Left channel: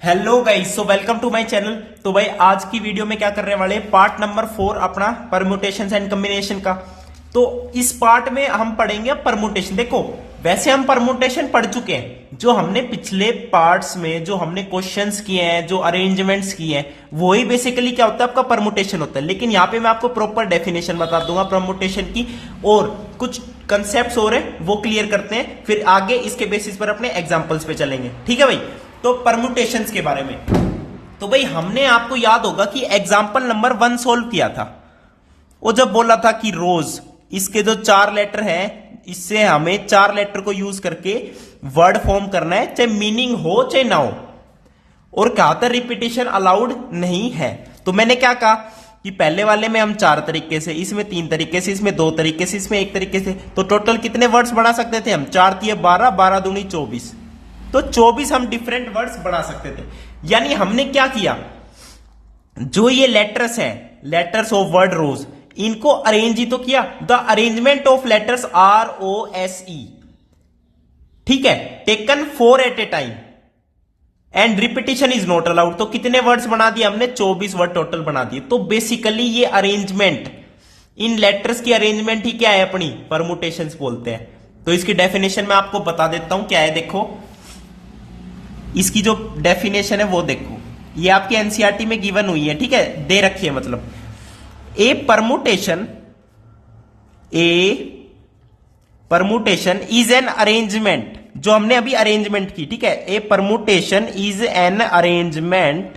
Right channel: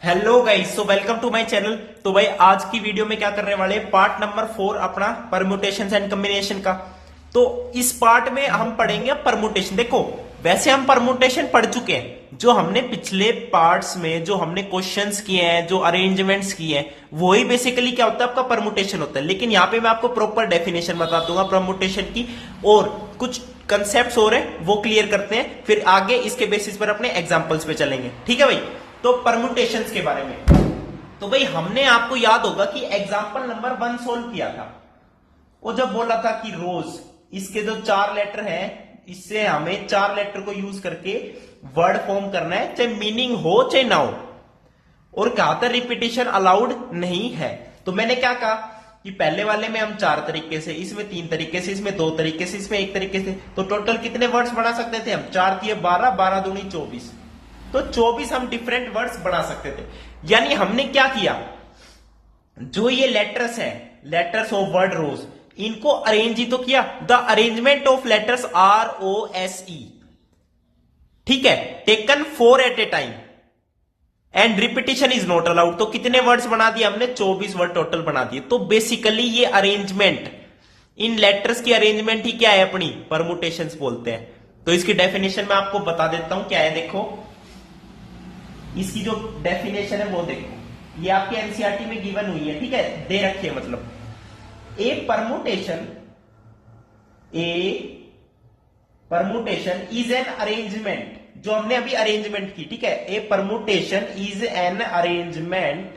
Hello guys, so welcome to my channel. तो भाई आज की वीडियो में क्या करने वाले हैं, पार्ट नंबर 4 अपना परम्यूटेशंस एंड कॉम्बिनेशन का। तो इस पार्ट में हम पढ़ेंगे परम्यूटेशन। देखो वैसे हम परम्यूटेशन पढ़ चुके हैं, जो हमने पिछले पार्ट्स में जो हमने क्वेश्चंस किए हैं, जो अरेंजमेंट्स किए हैं, वही बेसिकली क्या होता है, आपका परम्यूटेशन होता है। लेकिन यहाँ पे मैं आपको प्रॉपर डेफिनेशन बता दूंगा परम्यूटेशन की, और कुछ कंसेप्ट हो रहे हैं वो क्लियर करते हैं, फिर आगे इसके बेसिस पर अपने एग्जाम्पल्स पे चलेंगे। ठीक है भाई। तो परम्यूटेशंस के बारे में तो भाई हमने, आपको याद होगा कि एग्जाम्पल नंबर 1 सोल्व किया था। वो जब बोला था कि रोज, इसके जो 4 लेटर हैं, इससे हमें 4 लेटर को यूज करके वर्ड फॉर्म करना है, चाहे मीनिंग हो चाहे ना हो। और कहा था रिपीटिशन अलाउड नहीं है। तो मैंने क्या कहा कि पहले वाले में हम 4 तरीके से, इसमें 3 तरीके से, इसमें 2 तरीके से, इसमें 1 तरीके से, तो टोटल कितने वर्ड्स बना सकते थे हम? 4 दिए 12, 12 दूनी 24, तो 24 हम डिफरेंट वर्ड्स बना सकते थे। यानी हमने क्या किया, जो ये लेटर्स हैं, लेटर्स ऑफ वर्ड रोज, इनको अरेंज ही तो किया। The arrangement of letters ROSE, ठीक है, taken 4 at a time and repetition is not allowed. तो कितने वर्ड्स बना दिए हमने? 24 वर्ड टोटल बना दिए। तो बेसिकली ये अरेंजमेंट, इन लेटर्स की अरेंजमेंट ही क्या है, अपनी परम्यूटेशंस बोलते हैं। तो इसकी डेफिनेशन मैं आपको बता देता हूं क्या है। देखो इसकी जो डेफिनेशन है वो देखो, ये आपके एनसीईआरटी में गिवन हुई है, ठीक है, दे रखी है। मतलब a permutation is an arrangement, जो हमने अभी अरेंजमेंट की, ठीक है। A permutation is an arrangement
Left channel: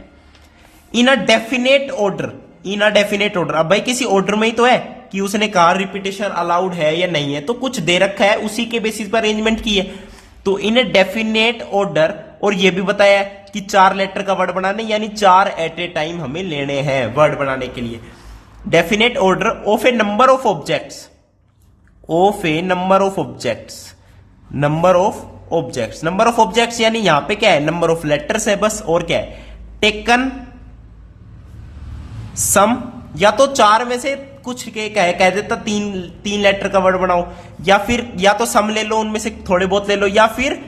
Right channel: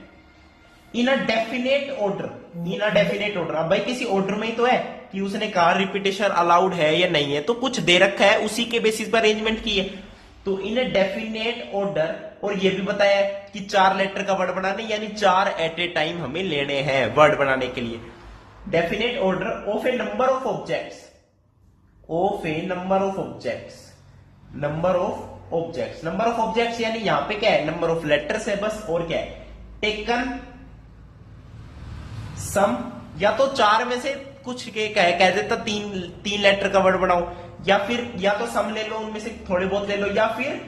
in a definite order, in a definite order. अब भाई किसी ऑर्डर में ही तो है कि उसने कहा रिपीटेशन अलाउड है या नहीं है, तो कुछ दे रखा है, उसी के बेसिस पर अरेंजमेंट की है। तो इन ए डेफिनेट ऑर्डर, और ये भी बताया कि 4 लेटर का वर्ड बनाने, यानी 4 एट ए टाइम हमें लेने हैं वर्ड बनाने के लिए। Definite order of a number of objects, of a number of objects, number of objects, number of objects यानी यहां पे क्या है, नंबर ऑफ लेटर्स है बस, और क्या है, टेकन सम, या तो 4 में से कुछ कह देता, 3 लेटर का वर्ड बनाओ, या फिर या तो सम ले लो, उनमें से थोड़े बहुत ले लो, या फिर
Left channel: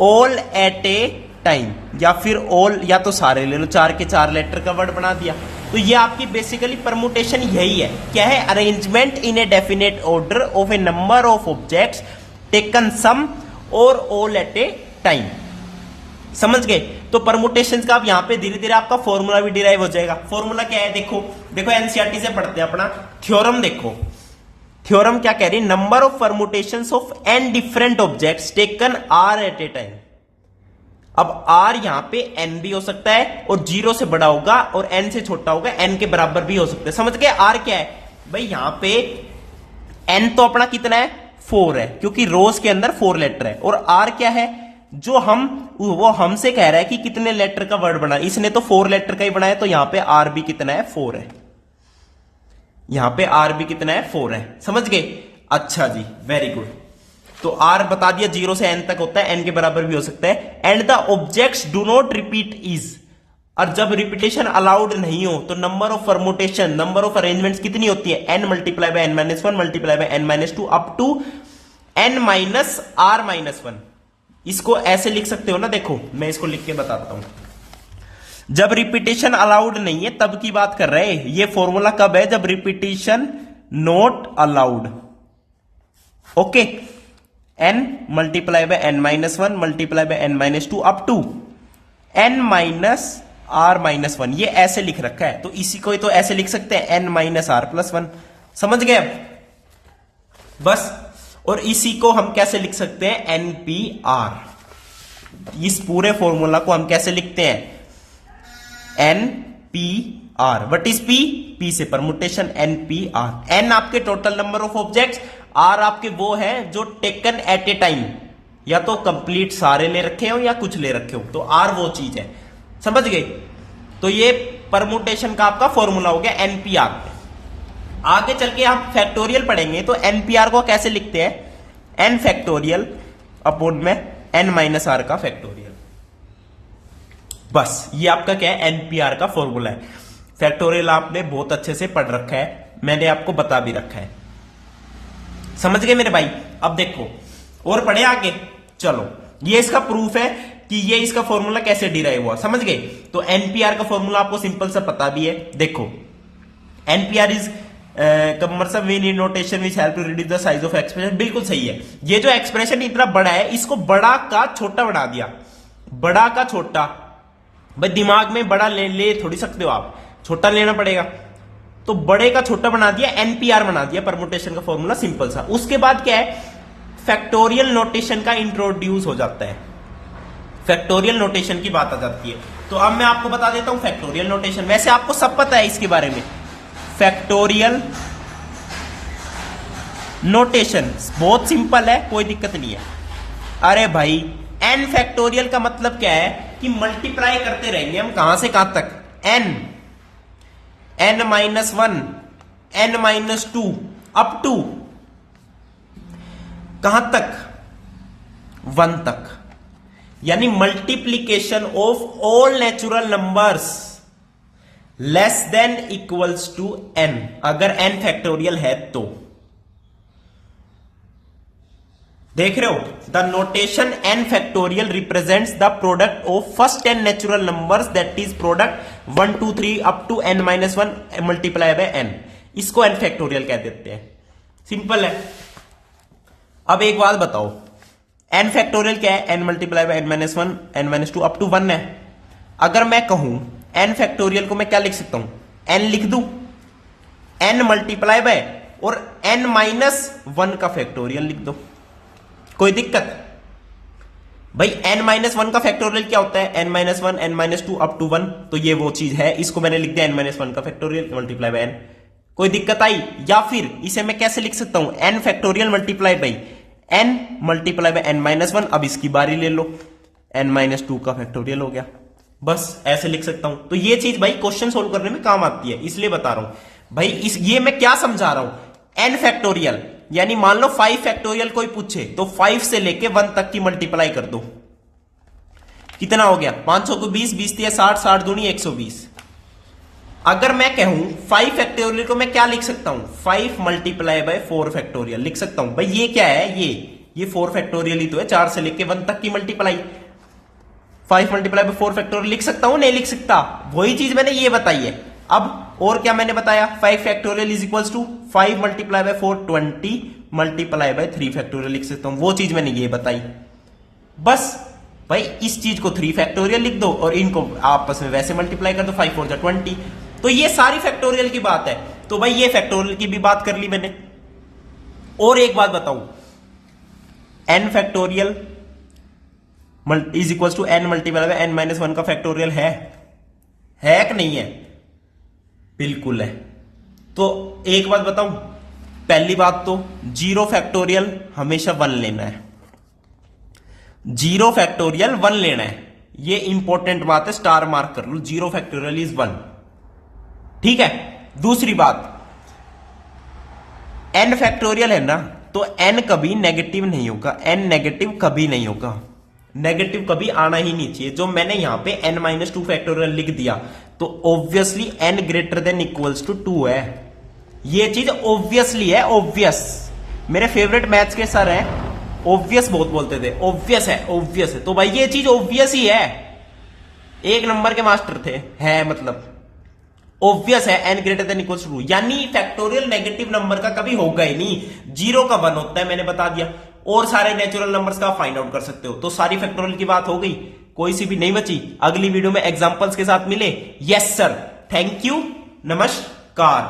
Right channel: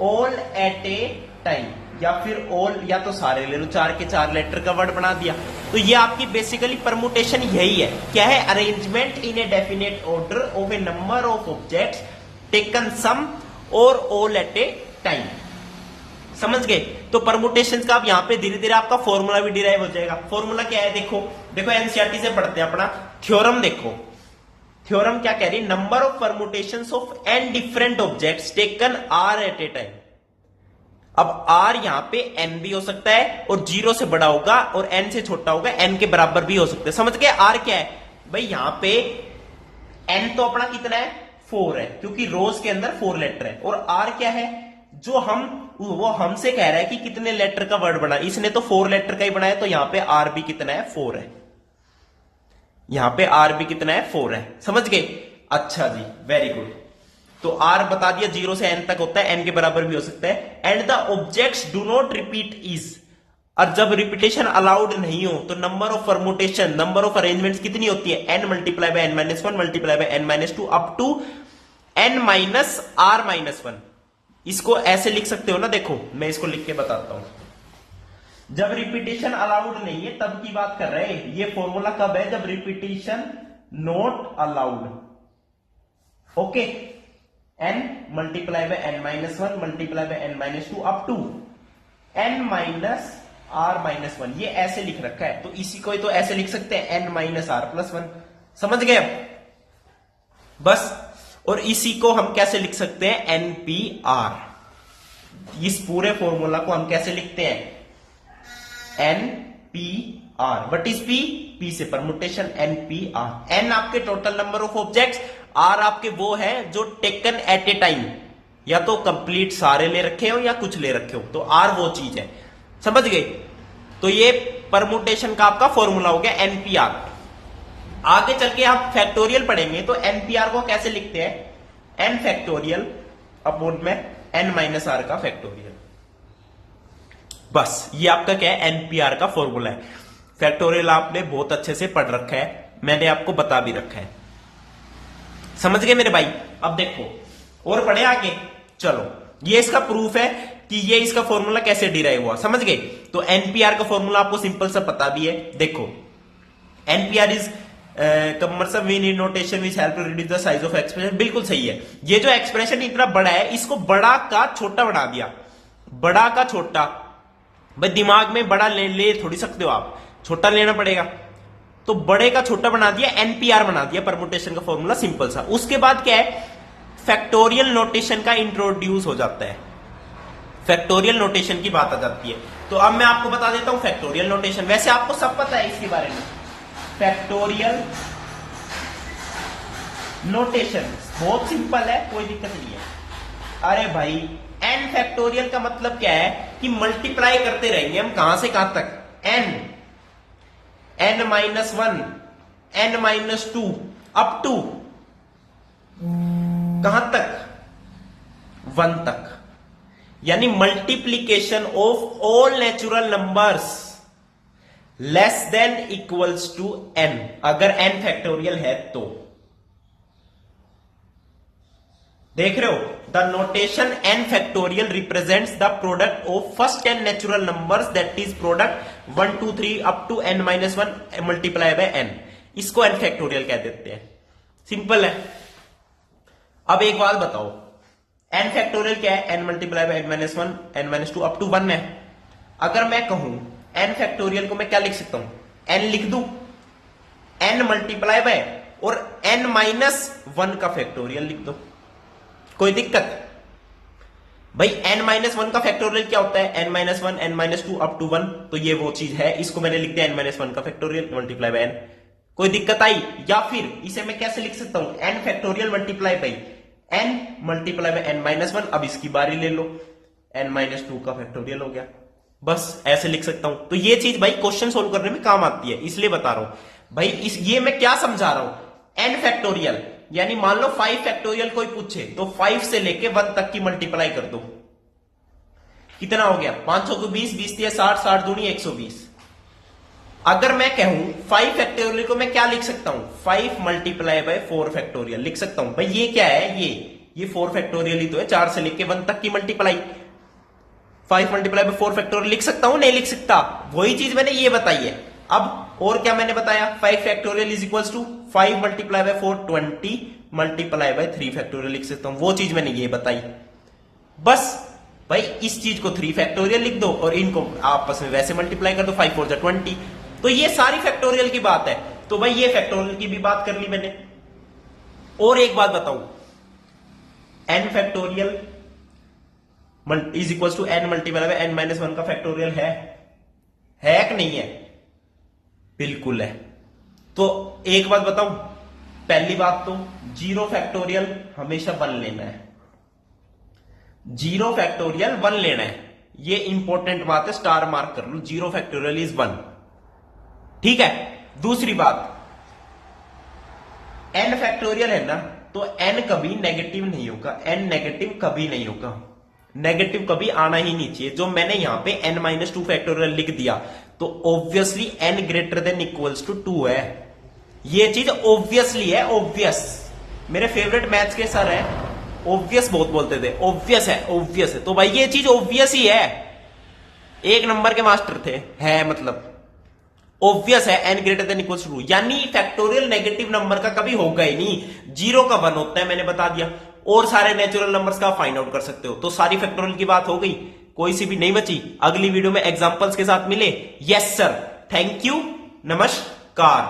ऑल एट ए टाइम, या फिर ऑल, या तो सारे ले लो, 4 के 4 लेटर का वर्ड बना दिया। तो ये आपकी बेसिकली परम्यूटेशन यही है। क्या है? Arrangement in a definite order of a number of objects taken some और ऑल एट ए टाइम। समझ गए? तो परम्यूटेशंस का आप यहां पे धीरे धीरे आपका फॉर्मूला भी डिराइव हो जाएगा। फॉर्मूला क्या है? देखो देखो एनसीईआरटी से पढ़ते हैं अपना थ्योरम। देखो थ्योरम क्या कह रही है, number of permutations of n different objects taken r at a time. अब आर यहां पे एन भी हो सकता है, और 0 से बड़ा होगा, और एन से छोटा होगा, एन के बराबर भी हो सकता है। समझ गए? आर क्या है भाई, यहां पे एन तो अपना कितना है, 4 है, क्योंकि रोज के अंदर 4 लेटर है। और आर क्या है, जो वो हमसे कह रहा है कि कितने लेटर का वर्ड बना, इसने तो 4 लेटर का ही बनाया, तो यहां पे आर भी कितना है, 4 है। यहां पे आर भी कितना है, 4 है। समझ गए? अच्छा जी, वेरी गुड। तो आर बता दिया 0 से एन तक होता है, एन के बराबर भी हो सकता है। And the objects do not repeat is, और जब रिपीटेशन अलाउड नहीं हो तो number of permutation, number of arrangements कितनी होती है, n multiply by n minus 1 multiply by n minus 2 up to n minus r minus 1। इसको ऐसे लिख सकते हो ना, देखो मैं इसको लिख के बताता हूं। जब रिपीटेशन अलाउड नहीं है तब की बात कर रहे हैं। ये फॉर्मूला कब है? जब repetition not allowed. Okay, n multiply by n minus 1 multiply by n minus 2 up to n minus r minus 1। ये ऐसे लिख रखा है, तो इसी को तो ऐसे लिख सकते हैं, n माइनस r प्लस 1। समझ गए अब? बस। और इसी को हम कैसे लिख सकते हैं, NPR। इस पूरे फॉर्मूला को हम कैसे लिखते हैं, NPR। What is P? P से परम्यूटेशन, NPR। N आपके total number of objects, R आपके वो है जो टेकन एट ए टाइम, या तो कंप्लीट सारे में रखे हो या कुछ ले रखे हो, तो R वो चीज है। समझ गए? तो ये परम्यूटेशन का आपका फॉर्मूला हो गया NPR। आगे चल के आप फैक्टोरियल पढ़ेंगे, तो NPR को कैसे लिखते हैं, n फैक्टोरियल अपॉन में n माइनस r का फैक्टोरियल। बस ये आपका क्या है, NPR का फॉर्मूला है। फैक्टोरियल आपने बहुत अच्छे से पढ़ रखा है, मैंने आपको बता भी रखा है। समझ गए मेरे भाई? अब देखो और पढ़े आगे, चलो ये इसका प्रूफ है कि ये इसका फॉर्मूला कैसे डिराइव हुआ, समझ गए। तो एनपीआर का फॉर्मूला आपको सिंपल सा पता भी है, देखो nPr is commercial mean notation which help to reduce the size of expression, बिल्कुल सही है। ये जो एक्सप्रेशन इतना बड़ा है, इसको बड़ा का छोटा बना दिया, बड़ा का छोटा। भाई दिमाग में बड़ा ले थोड़ी सकते हो आप, छोटा लेना पड़ेगा। तो बड़े का छोटा बना दिया, एनपीआर बना दिया, परमुटेशन का फॉर्मूला सिंपल सा। उसके बाद क्या है, फैक्टोरियल नोटेशन का इंट्रोड्यूस हो जाता है, फैक्टोरियल नोटेशन की बात आ जाती है। तो अब मैं आपको बता देता हूं फैक्टोरियल नोटेशन, वैसे आपको सब पता है इसके बारे में। फैक्टोरियल नोटेशन बहुत सिंपल है, कोई दिक्कत नहीं है। अरे भाई एन फैक्टोरियल का मतलब क्या है कि मल्टीप्लाई करते रहेंगे हम, कहां से कहां तक, n minus one, n minus two, up to कहां तक, वन तक। यानी multiplication of all natural numbers less than equals to n, अगर एन फैक्टोरियल है तो। देख रहे हो, the notation n factorial represents the product of first 10 natural numbers, that is product 1 2 3 up to n minus one multiply by n, इसको n factorial कह देते हैं। सिंपल है। अब एक बात बताओ, एन फैक्टोरियल क्या है, n multiply by n minus one, n minus two up to one है। अगर मैं कहूं एन फैक्टोरियल को मैं क्या लिख सकता हूं, एन लिख दूं, एन मल्टीप्लाई बाय और एन माइनस वन का फैक्टोरियल लिख दो, कोई दिक्कत है। भाई एन माइनस वन का फैक्टोरियल क्या होता है, n minus one, n minus two up to one, तो ये वो चीज है, इसको मैंने लिख दिया एन माइनस वन का फैक्टोरियल मल्टीप्लाई बाय एन, कोई दिक्कत आई। या फिर इसे मैं कैसे लिख सकता हूं, n factorial multiply by n multiply by n minus one, अब इसकी बारी ले लो, एन माइनस टू का फैक्टोरियल हो गया, बस ऐसे लिख सकता हूं। तो ये चीज भाई क्वेश्चन सोल्व करने में काम आती है, इसलिए बता रहा हूं भाई। ये मैं क्या समझा रहा हूं, एन फैक्टोरियल यानी मान लो 5 फैक्टोरियल कोई पूछे तो 5 से लेके 1 तक की मल्टीप्लाई कर दो, कितना हो गया, 500 को 20, 20 दिया 60, 60 दूनी 120। अगर मैं कहूं 5 फैक्टोरियल को मैं क्या लिख सकता हूं, 5 मल्टीप्लाई बाय 4 फैक्टोरियल लिख सकता हूं। भाई ये क्या है, ये 4 फैक्टोरियल ही तो है, 4 से लेके 1 तक की मल्टीप्लाई, 5 मल्टीप्लाई बाय 4 फैक्टोरियल लिख सकता हूं, नहीं लिख सकता, वही चीज मैंने ये बताई है। अब और क्या मैंने बताया, 5 factorial is equals to 5 multiply by 4 20 multiply by 3 factorial लिख सकता हूं, वो चीज मैंने ये बताई। बस भाई इस चीज को 3 फैक्टोरियल लिख दो और इनको आपस में वैसे मल्टीप्लाई कर दो, 5 4 20। तो ये सारी फैक्टोरियल की बात है। तो भाई ये फैक्टोरियल की भी बात कर ली मैंने। और एक बात बताऊं, n factorial is equals to n multiply by n minus one का फैक्टोरियल है कि नहीं है, बिल्कुल है। तो एक बात बताऊं, पहली बात तो 0 फैक्टोरियल हमेशा 1 लेना है, 0 फैक्टोरियल 1 लेना है, ये इंपॉर्टेंट बात है, स्टार मार्क कर लो, 0 फैक्टोरियल इज 1, ठीक है। दूसरी बात, n फैक्टोरियल है ना, तो n कभी नेगेटिव नहीं होगा, n नेगेटिव कभी नहीं होगा, नेगेटिव कभी आना ही नहीं चाहिए। जो मैंने यहां पे n माइनस टू फैक्टोरियल लिख दिया, तो obviously n greater than equals to 2 है, ये चीज ऑब्वियसली है, ऑब्वियस। मेरे फेवरेट मैथ्स के सर हैं, ऑब्वियस बहुत बोलते थे, ऑब्वियस है, ऑब्वियस है। तो भाई ये चीज ऑब्वियस ही है, एक नंबर के मास्टर थे, है मतलब ऑब्वियस है, n greater than equals to, यानी फैक्टोरियल नेगेटिव नंबर का कभी होगा ही नहीं, 0 का 1 होता है, मैंने बता दिया। और सारे नेचुरल नंबर्स का फाइंड आउट कर सकते हो। तो सारी फैक्टोरियल की बात हो गई, कोई सी भी नहीं बची। अगली वीडियो में एग्जांपल्स के साथ मिले। यस सर, थैंक यू, नमस्कार।